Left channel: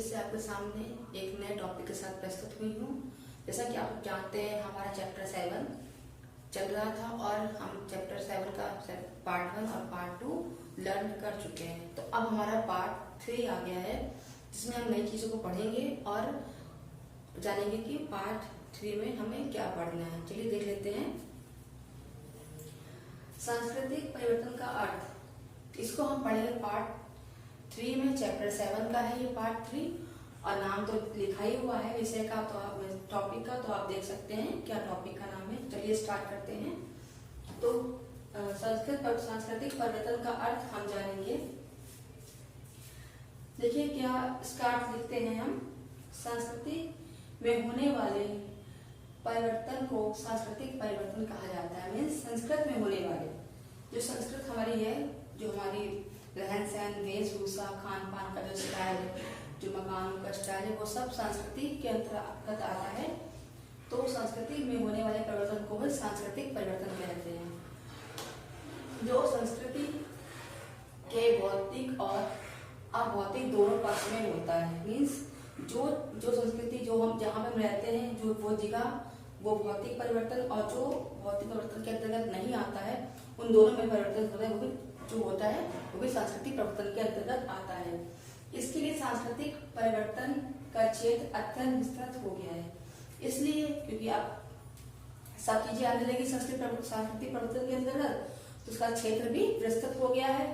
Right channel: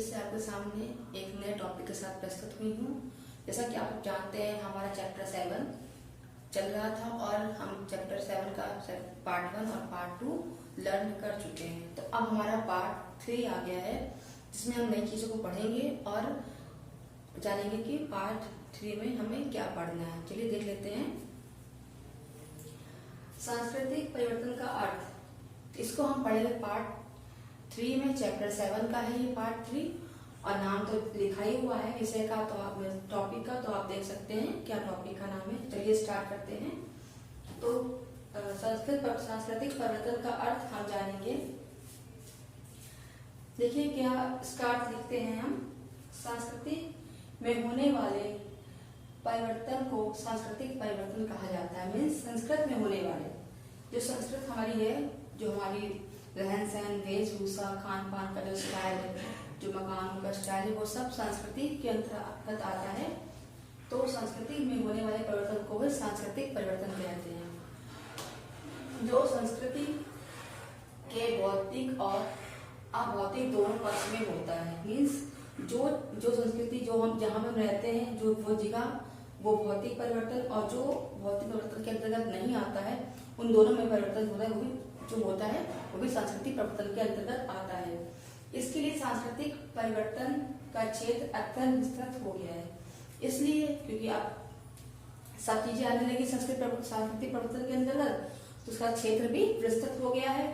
फिर से आपके सामने एक नए टॉपिक के साथ प्रस्तुत हुई हूँ। जैसा कि आप जानते हैं हमारा चैप्टर 7 चल रहा था और हम चैप्टर 7 का पार्ट 1 और पार्ट 2 लर्न कर चुके हैं। तो अब हमारा पार्ट 3 आ गया है जिसमें हम नई चीजों को पढ़ेंगे और जानेंगे कि पार्ट 3 में हमें क्या पढ़ना है। चलिए देख लेते हैं। सांस्कृतिक परिवर्तन का अर्थ, इसको हम पढ़ेंगे पार्ट 3 में। चैप्टर 7 का है ये पार्ट 3 और नाम तो लिखा ही हुआ है विषय का, तो आप टॉपिक का तो आप देख सकते हैं क्या टॉपिक का नाम है। चलिए स्टार्ट करते हैं। तो सांस्कृतिक परिवर्तन का अर्थ हम जानेंगे। देखिए क्या इसका अर्थ लिखते हैं हम। संस्कृति में होने वाले परिवर्तन को सांस्कृतिक परिवर्तन कहा जाता है। मीन्स संस्कृत में होने वाले, जो संस्कृत हमारी है, जो हमारी रहन सहन, वेशभूषा, खान पान का जो स्टाइल, जो मकानों का स्टाइल है, वो सब संस्कृति के अंतर्गत आता है। तो संस्कृति में होने वाले परिवर्तन को भी सांस्कृतिक परिवर्तन कहते हैं। जो संस्कृति के भौतिक और अभौतिक दोनों पक्ष में होता है। मीन्स जो संस्कृति जो हम जहाँ पे हम रहते हैं, जो वो जगह, वो भौतिक परिवर्तन, और जो भौतिक परिवर्तन के अंतर्गत नहीं आता है, उन दोनों में परिवर्तन होता है, वो भी जो होता है वो भी सांस्कृतिक परिवर्तन के अंतर्गत आता है। इसके लिए सांस्कृतिक परिवर्तन का क्षेत्र अत्यंत विस्तृत हो गया है। इसलिए क्योंकि आप सब चीजें आने लगी सांस्कृतिक परिवर्तन के अंतर्गत, तो उसका क्षेत्र भी विस्तृत हो गया है।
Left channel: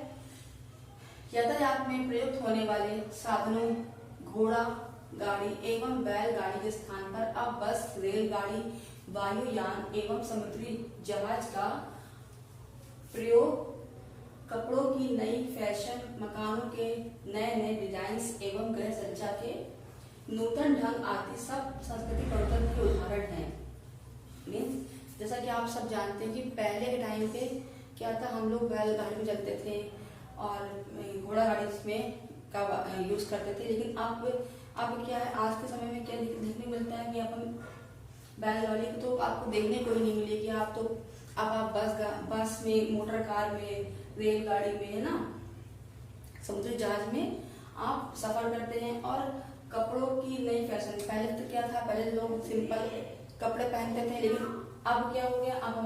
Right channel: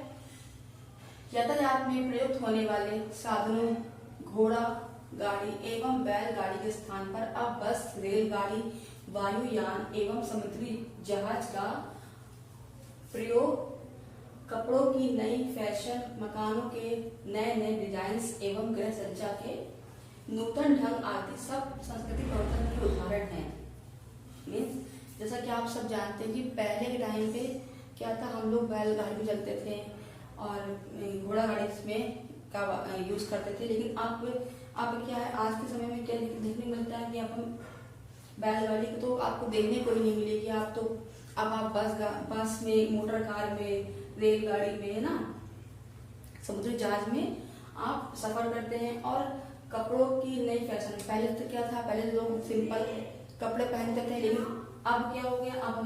यातायात में प्रयुक्त होने वाले साधनों, घोड़ा गाड़ी एवं बैलगाड़ी के स्थान पर अब बस, रेलगाड़ी, वायुयान एवं समुद्री जहाज का प्रयोग, कपड़ों की नई फैशन, मकानों के नए नए डिजाइन्स एवं गृह सज्जा के नूतन ढंग आदि सब सांस्कृतिक परिवर्तन के उदाहरण हैं। जैसा कि आप सब जानते हैं कि पहले के टाइम पे क्या था, हम लोग बैलगाड़ी में चलते थे और घोड़ा गाड़ी में का यूज करते थे। लेकिन अब क्या है, आज के समय में क्या देखने मिलता है कि अब बैलगाड़ी को तो आपको देखने को ही नहीं मिलेगी। अब आप बस में, मोटर कार में, रेलगाड़ी में, है ना, समुद्री जहाज में आप सफर करते हैं। और कपड़ों की नई फैशन, पहले तो क्या था, पहले लोग सिंपल कपड़े पहनते थे, लेकिन अब क्या हो गया, अब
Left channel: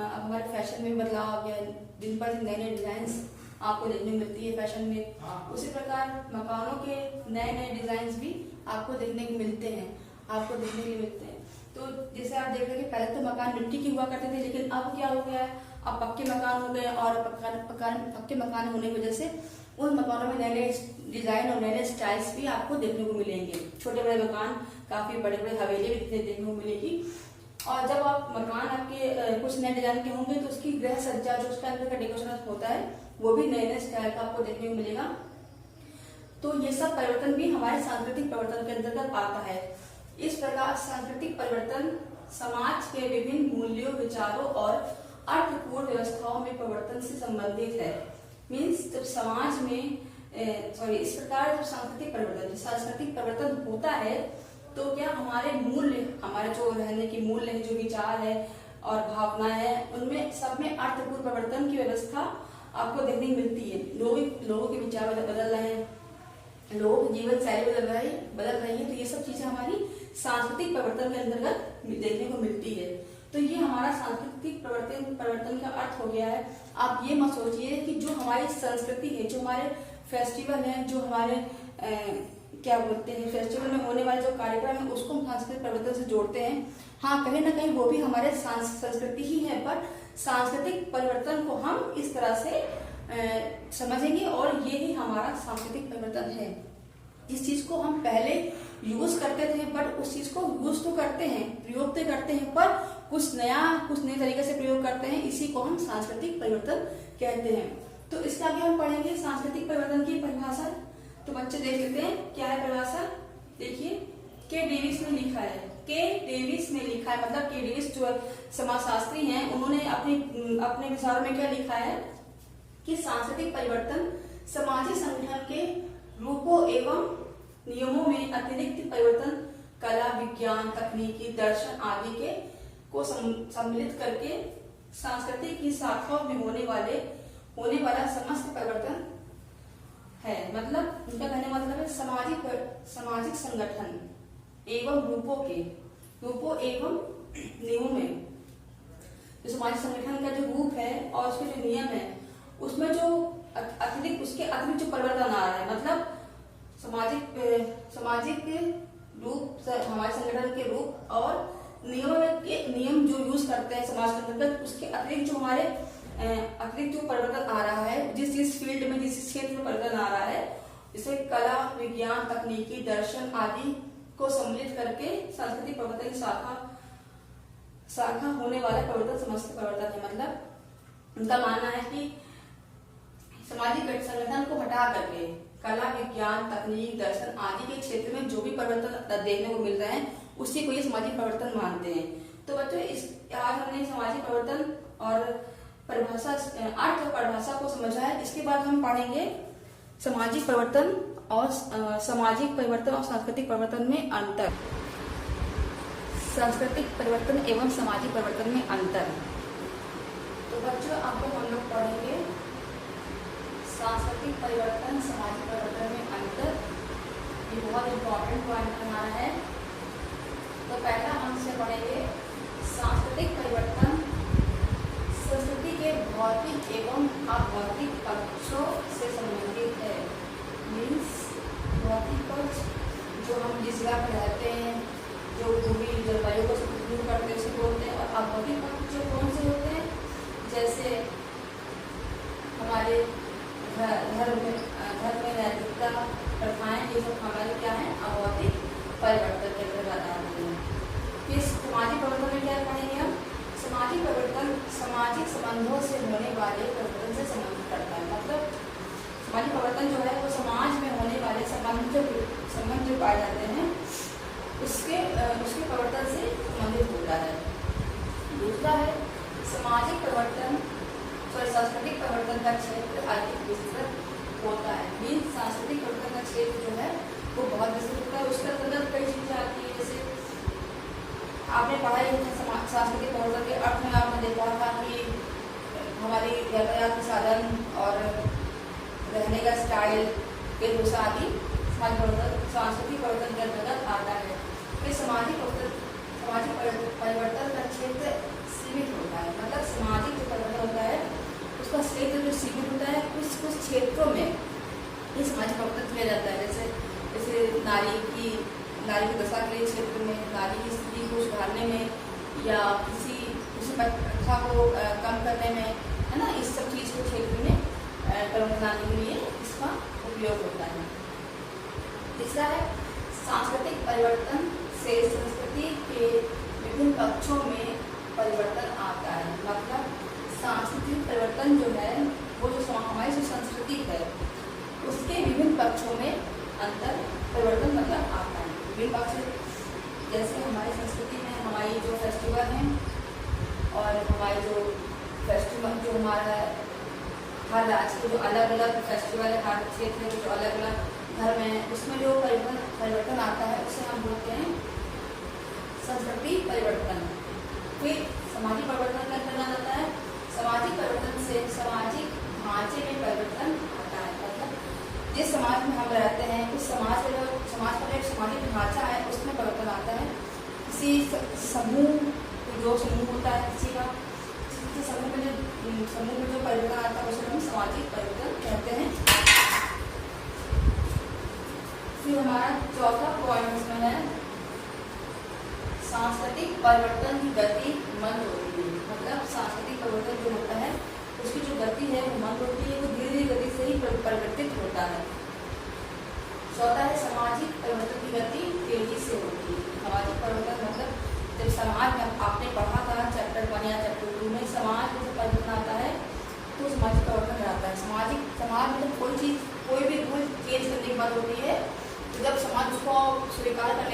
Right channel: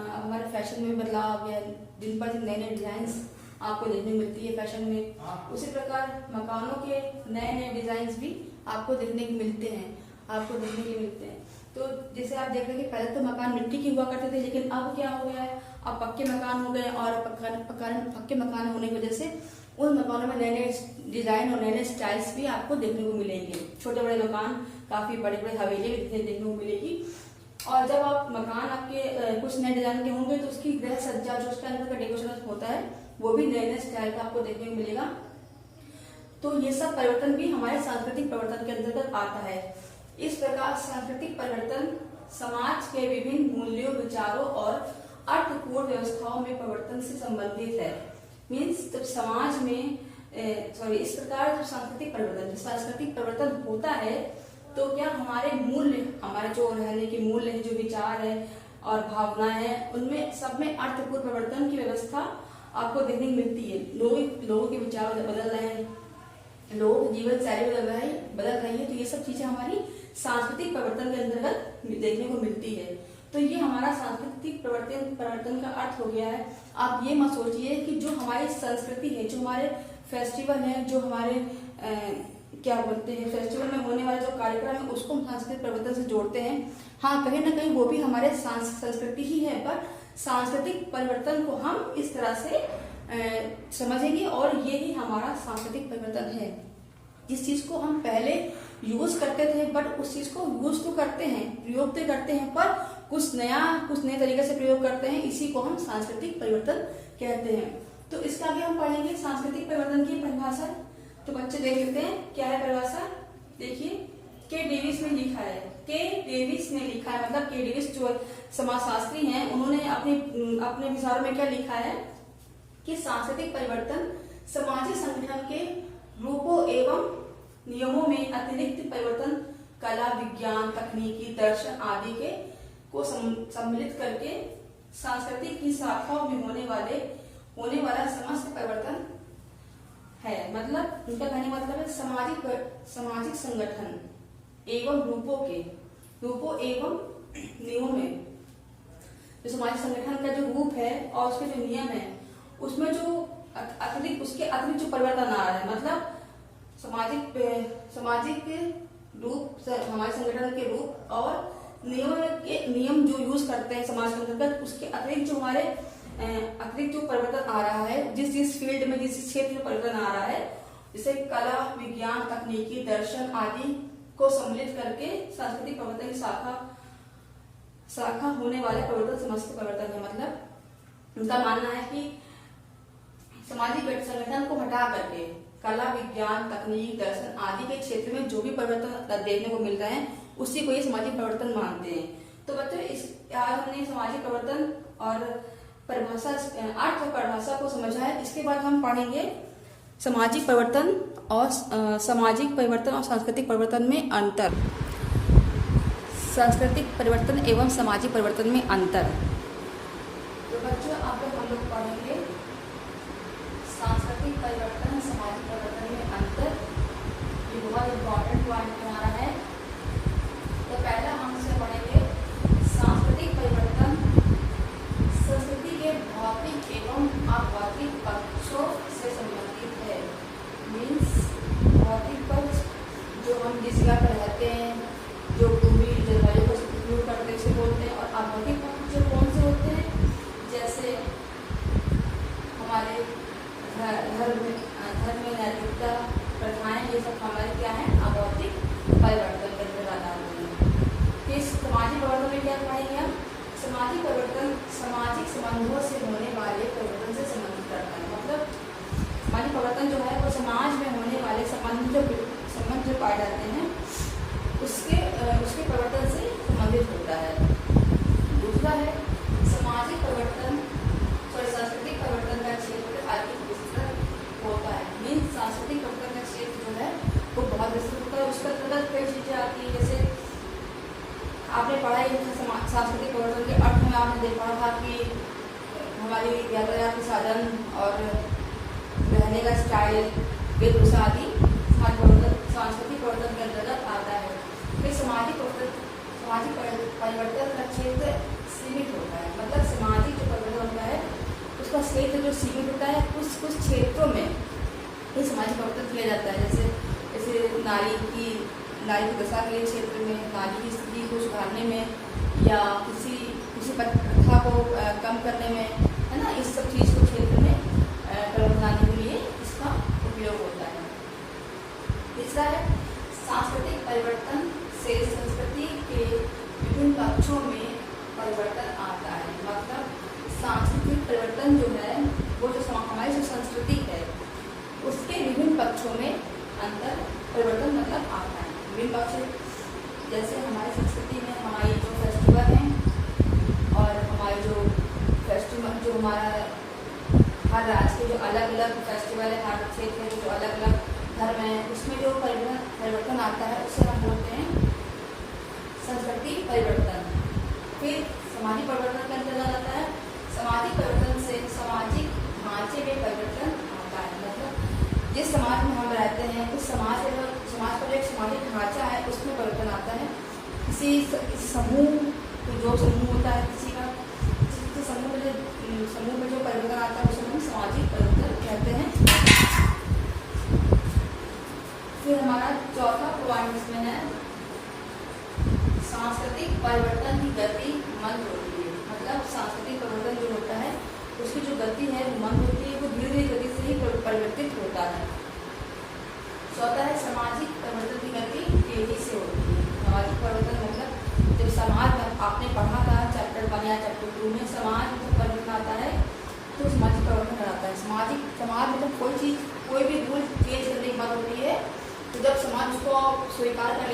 हमारे फैशन में बदलाव आ गया। दिन पर दिन नए नए डिजाइन आपको देखने मिलती है फैशन में। उसी प्रकार मकानों के नए नए डिजाइन भी आपको देखने को मिलते हैं। तो जैसे आप देख रहे हैं कि पहले तो मकान मिट्टी के हुआ करते थे, लेकिन अब क्या हो गया है, अब पक्के मकान हो गए। और पक्के मकान होने की वजह से उन मकानों में नए नए डिजाइन और नए नए स्टाइल्स भी आपको देखने को मिलेंगे। छोटे बड़े मकान, काफी बड़े बड़े हवेली भी देखने को मिलेगी। और जब आप मकान आपके कुछ नए डिजाइन के होंगे, तो उसकी गृह सज्जा, जो उसके अंदर का डेकोरेशन होता है, वो भी नए नए स्टाइल का आपको देखने को मिलेगा। तो ये सब परिवर्तन भी हमारे सांस्कृतिक परिवर्तन के अंतर्गत आता है। इस प्रकार सांस्कृतिक परिवर्तन समाज के विभिन्न मूल्यों, विचारों और अर्थपूर्ण व्यवस्थाओं में परिवर्तन से संबंधित है। मीन्स जब समाज में इस प्रकार जब सांस्कृतिक परिवर्तन होता है, तो क्या हमारे मूल्य, हमारे जो रहने के मूल्य है, जो विचार है और भावनाएं हैं, उनमें सब में अर्थपूर्ण परिवर्तन की व्यवस्था आपको देखने को मिलती है। लोगों के विचार बदल रहे हैं, लोगों की जीवन शैली बदल रही है। तो ये सब चीजें हमारी सांस्कृतिक परिवर्तन के अंतर्गत देखने को मिलती है। तो ये हमारा सांस्कृतिक परिवर्तन का अर्थ हो गया है। आप ये मत सोचिए कि जो हमारी संस्कृति है, जो हमारे फेस्टिवल है, जो हमारे क्या बोलते हैं, फेस्टिवल में होने वाले जो कार्यक्रम है, उसको हम सांस्कृतिक परिवर्तन से जोड़ते हैं। हाँ, कहीं ना कहीं वो भी हमारे संस्कृति ही है, पर सांस्कृतिक परिवर्तन को हम इस तरह से समझेंगे और ये ही हमारा सांस्कृतिक परिवर्तन है। जिस चीज को हम पहले यूज करते थे, बट उस चीज को यूज तो करते हैं, प्रयोग तो करते हैं, पर कुछ नए तरीके से प्रयोग करते हैं। इसी को हम सांस्कृतिक परिवर्तन कहते हैं। तो इसके आगे हम पढ़ेंगे सांस्कृतिक परिवर्तन की परिभाषा। तो बच्चे देख लेते हैं क्या है परिभाषा। देखिए, के डेविस ने लिखा है। मतलब के डेविस जो समाजशास्त्री हैं, उन्होंने अपने विचारों में क्या लिखा है कि सांस्कृतिक परिवर्तन सामाजिक संगठन के रूपों एवं नियमों में अतिरिक्त परिवर्तन, कला, विज्ञान, तकनीकी, दर्शन आदि को सम्मिलित करके संस्कृति की शाखाओं में होने वाला समस्त परिवर्तन है, मतलब इनका कहने मतलब है सामाजिक संगठन एवं रूपों एवं नियमों में, जो सामाजिक संगठन का जो रूप है और उसके जो नियम है उसमें जो उसके अतिरिक्त जो परिवर्तन आ रहा है, मतलब सामाजिक रूप, हमारे संगठन के रूप और नियम जो यूज करते हैं समाज के अंतर्गत, उसके अतिरिक्त जो हमारे अतिरिक्त जो परिवर्तन आ रहा है, जिस फील्ड में, जिस क्षेत्र में परिवर्तन आ रहा है, जैसे कला, विज्ञान, तकनीकी, दर्शन आदि को सम्मिलित करके सांस्कृतिक परिवर्तन की शाखा होने वाला परिवर्तन समस्त परिवर्तन है। मतलब उनका मानना है कि सामाजिक संगठन को हटा करके कला, विज्ञान, तकनीक, दर्शन आदि के क्षेत्र में जो भी परिवर्तन देखने को मिलता है उसी को ये सामाजिक परिवर्तन मानते हैं। तो बच्चों आज हमने सामाजिक परिवर्तन और परिभाषा, अर्थ और परिभाषा को समझा है। इसके बाद हम पढ़ेंगे सामाजिक परिवर्तन और सांस्कृतिक परिवर्तन में अंतर। सांस्कृतिक परिवर्तन एवं सामाजिक परिवर्तन में अंतर। तो बच्चों आप लोग हम लोग पढ़ेंगे सांस्कृतिक परिवर्तन, सामाजिक परिवर्तन में अंतर। ये बहुत इम्पोर्टेंट पॉइंट हमारा है। तो पहला हमसे पढ़ेंगे सांस्कृतिक परिवर्तन संस्कृति के भौतिक एवं अभौतिक पक्षों से संबंधित है। मीन्स भौतिक पक्ष जो हम जिस जगह पर रहते हैं, जो भूमि जलवायु को उपयोग करके से बोलते हैं, और अभौतिक पक्ष जो कौन से होते हैं, जैसे हमारे धर्म में नैतिकता, प्रथाएं, ये सब हमारे क्या है, अभौतिक परिवर्तन के अंतर्गत आते हैं। इस सामाजिक परिवर्तन में क्या पढ़ेंगे हम? सामाजिक परिवर्तन सामाजिक संबंधों से होने वाले परिवर्तन से संबंधित करता है। मतलब सामाजिक परिवर्तन जो है वो समाज में होने वाले संबंध जो पाए जाते हैं उसके परिवर्तन से संबंधित होता है। दूसरा है सामाजिक परिवर्तन और सांस्कृतिक परिवर्तन का क्षेत्र अधिक विस्तृत होता है। मीन्स सांस्कृतिक परिवर्तन का क्षेत्र जो है वो बहुत विस्तृत होता है। उसके अंतर्गत कई चीजें आती है, जैसे आपने पढ़ा है सांस्कृतिक परिवर्तन के अर्थ में आपने देखा था कि हमारी यातायात के साधन और रहने का स्टाइल, वेशभूषा आदि सांस्कृतिक परिवर्तन के अंतर्गत आता है। फिर सामाजिक परिवर्तन का क्षेत्र सीमित होता है। मतलब सामाजिक जो परिवर्तन होता है उसका क्षेत्र जो सीमित होता है, कुछ क्षेत्रों में ये सामाजिक परिवर्तन किया जाता है। जैसे नारी की दशा के क्षेत्र में, नारी की स्थिति को सुधारने में, या किसी प्रथा को कम करने में, है ना, इस सब चीज को क्षेत्र में परिवर्तन लाने के लिए इसका उपयोग होता है। तीसरा है सांस्कृतिक परिवर्तन से संस्कृति के विभिन्न पक्षों में परिवर्तन आता है। मतलब सांस्कृतिक परिवर्तन जो है वो जो हमारी जो संस्कृति है उसके विभिन्न पक्षों में अंतर परिवर्तन मतलब आता है। विभिन्न पक्ष जैसे हमारी संस्कृति में हमारी जो फेस्टिवल हैं और हमारे जो फेस्टिवल जो हमारा हर राज्य के जो अलग अलग फेस्टिवल है, हर क्षेत्र में जो अलग अलग धर्म है, उसमें जो परिवर्तन आता है उसे हम बोलते हैं संस्कृति परिवर्तन। फिर सामाजिक परिवर्तन का अंतर्गत आता है सामाजिक परिवर्तन से सामाजिक ढांचे में परिवर्तन आता है। मतलब जिस समाज में हम रहते हैं उस समाज का जो एक सामाजिक ढांचा है उसमें परिवर्तन आता है। किसी समूह होता है, किसी समूह में जो परिवर्तन आता है उसे हम सामाजिक परिवर्तन कहते हैं। फिर हमारा चौथा पॉइंट इसमें है सांस्कृतिक परिवर्तन की गति मंद होती है। मतलब सांस्कृतिक परिवर्तन जो होता है उसकी जो गति है वो मंद होती है, वो धीरे धीरे गति से ही परिवर्तित होता है। चौथा है सामाजिक परिवर्तन की गति तेजी से होती है। सामाजिक परिवर्तन मतलब जब समाज में आपने पढ़ा था चैप्टर 1 या चैप्टर 2 में, समाज में जब परिवर्तन आता है तो सामाजिक परिवर्तन कराता है। समाज मतलब कोई भी रूल चेंज करने की बात होती है, तो जब समाज उसको स्वीकार कर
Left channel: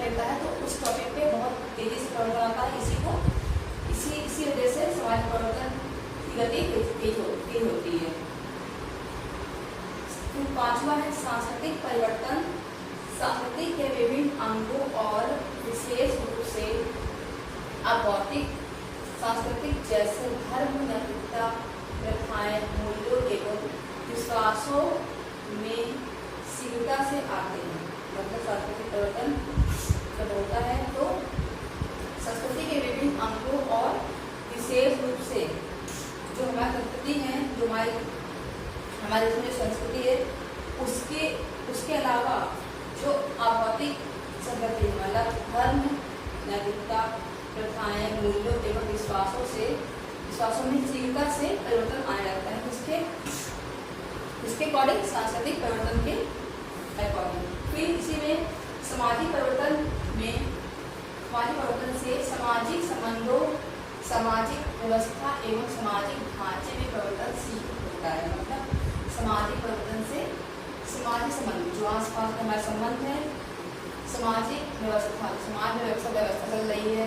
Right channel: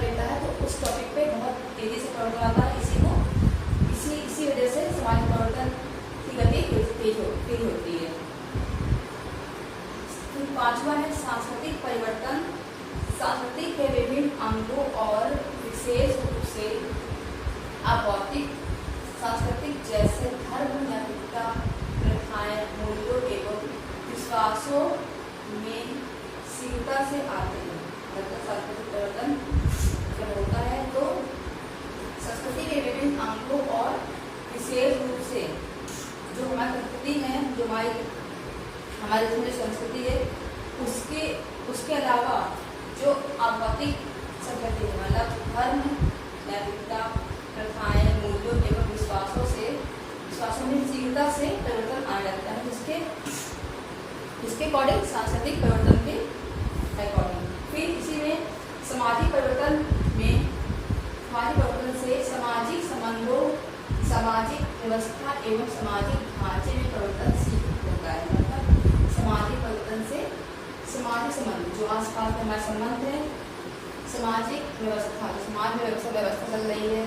लेता है तो उस टॉपिक पे बहुत तेजी से परिवर्तन आता है। इसी वजह से सामाजिक परिवर्तन की गति तेज होती है। पांचवा है सांस्कृतिक परिवर्तन संस्कृति के विभिन्न अंगों और विशेष रूप से अभौतिक सांस्कृतिक जैसे धर्म, नैतिकता, प्रथाएं, मूल्यों एवं विश्वासों में शीघ्रता से आते हैं। मतलब सांस्कृतिक परिवर्तन जब होता है तो संस्कृति के विभिन्न अंगों और विशेष रूप से जो हमारी संस्कृति है, जो हमारी जो संस्कृति है उसके अलावा जो भौतिक संगति है, मतलब धर्म, नैतिकता, प्रथाएं, मूल्यों एवं विश्वासों में शीघ्रता से परिवर्तन आ जाता है। इसके अकॉर्डिंग सांस्कृतिक परिवर्तन के अकॉर्डिंग। फिर इसी में सामाजिक परिवर्तन से सामाजिक संबंधों, सामाजिक व्यवस्था एवं सामाजिक ढांचे में परिवर्तन होता है। मतलब सामाजिक परिवर्तन से सामाजिक संबंध, जो आसपास में हमारे संबंध है, सामाजिक व्यवस्था, समाज में व्यवस्था चल रही है।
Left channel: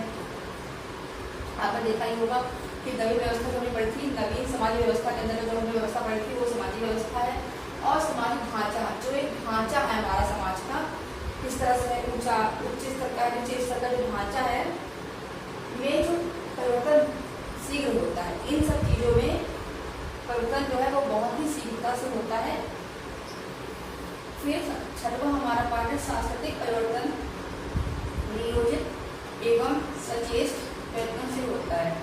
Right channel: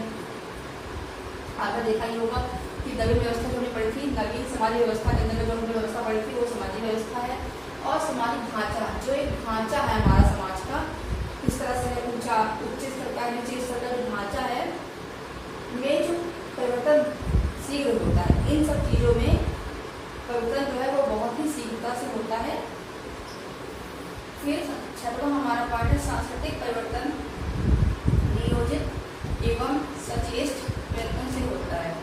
आपने देखा ही होगा कि नवीन व्यवस्था जो पड़ी थी, नवीन समाजिक व्यवस्था के अंदर जो व्यवस्था पड़ी थी वो सामाजिक व्यवस्था है। और सामाजिक ढांचा, जो एक ढांचा है हमारा समाज का, किस तरह से ऊंचा उच्च स्तर का नीचे स्तर का जो ढांचा है, ये जो परिवर्तन शीघ्र होता है। इन सब चीजों में परिवर्तन जो है वो बहुत ही शीघ्रता से होता है। फिर छठवां हमारा पार्ट है सांस्कृतिक परिवर्तन नियोजित एवं सचेष्ट प्रयत्न से होता है।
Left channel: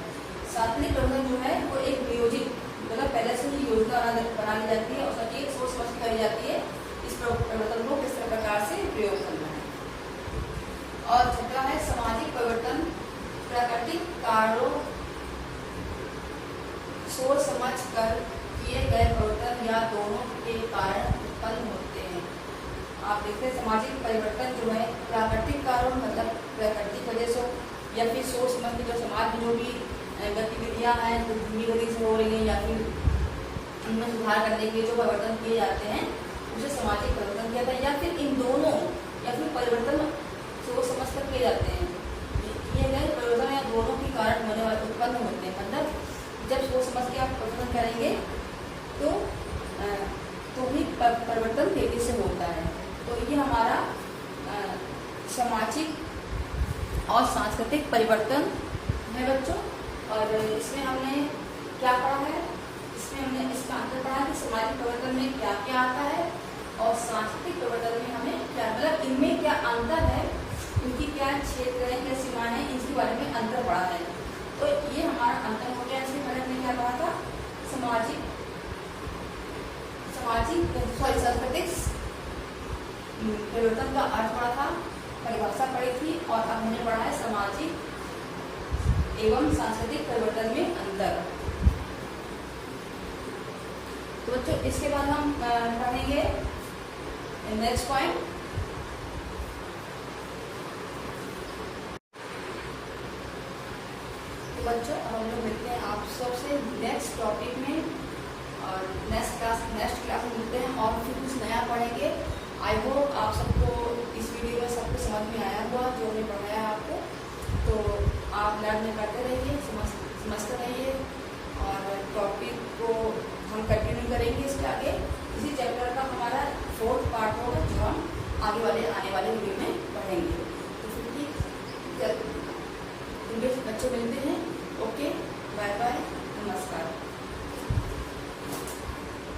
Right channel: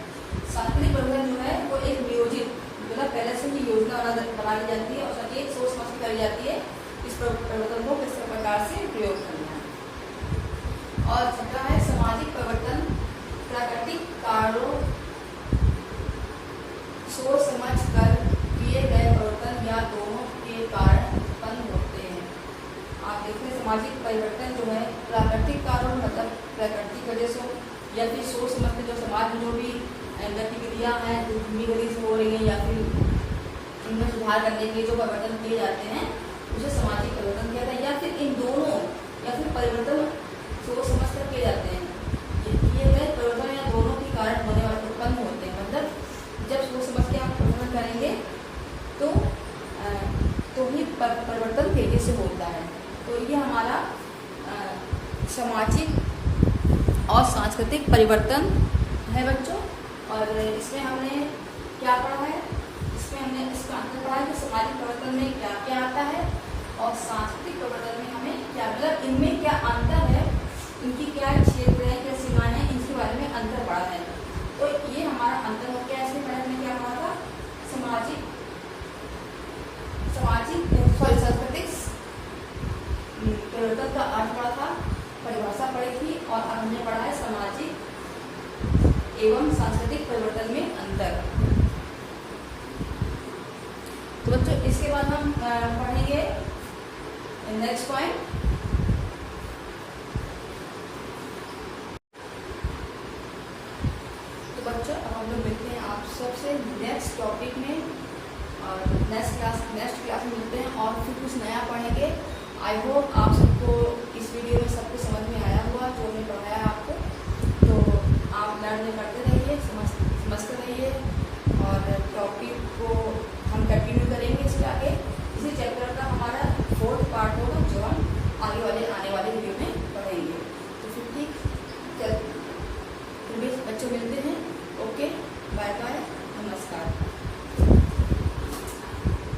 सांस्कृतिक परिवर्तन जो है वो एक नियोजित, मतलब पहले से ही योजना बना ली जाती है और सटीक सोच समझ करी जाती है इस परिवर्तन को किस प्रकार से प्रयोग करना है। और छठा है सामाजिक परिवर्तन प्राकृतिक कारणों सोच समझ कर किए गए परिवर्तन या दोनों के कारण उत्पन्न होते हैं। आप देखते हैं सामाजिक परिवर्तन जो है प्राकृतिक कारण, मतलब प्राकृतिक वजह से, या फिर सोच समझ के जो समाज में जो भी गतिविधियां हैं जो धीमी गति से हो रही हैं या फिर इनमें सुधार करने के लिए जो परिवर्तन किए जाते हैं उसे सामाजिक परिवर्तन किया जाता है। या फिर इन दोनों या फिर परिवर्तन सोच समझ कर किए जाते हैं, किए गए परिवर्तन या दोनों के कारण होने वाले उत्पन्न होते हैं। मतलब जब सोच समझ के आप परिवर्तन करेंगे तो ही परिवर्तन तेजी से होता है। तो ये हमारा सामाजिक और सांस्कृतिक परिवर्तन है बच्चों। और इसमें हमने क्या पढ़ा है, इसमें हमने इसका अंतर पढ़ा है कि सामाजिक परिवर्तन में क्या क्या आता है और सांस्कृतिक परिवर्तन में हमें क्या, मतलब इनमें क्या अंतर है, इनकी क्या क्षेत्र है, क्या सीमाएं हैं, इनके बारे में अंतर पढ़ा है। तो ये हमारा अंतर हो गया। इसमें मैंने क्या पढ़ा था, सांस्कृतिक परिवर्तन का अर्थ पढ़ा था, परिभाषा पढ़ी थी, और अब हमने पढ़ा है सामाजिक एवं सांस्कृतिक परिवर्तन में अंतर। तो बच्चों इसके बाद हम पढ़ेंगे नेक्स्ट पॉइंट। तो बच्चों हम लोग मिलते हैं आप सबसे नेक्स्ट टॉपिक में, और नेक्स्ट क्लास में मिलते हैं और फिर कुछ नया पढ़ेंगे। आई होप आप सबको इस वीडियो में सब कुछ समझ में आया हुआ जो हमने पढ़ाया आपको। तो आप लर्न करते रहिए, समझते रहिए, और टॉपिक को हम कंटिन्यू करेंगे इसके आगे। इसी चैप्टर का हमारा 4th पार्ट होगा जो हम आने वाले वीडियो में पढ़ेंगे। तो फिर ठीक, बच्चों मिलते हैं।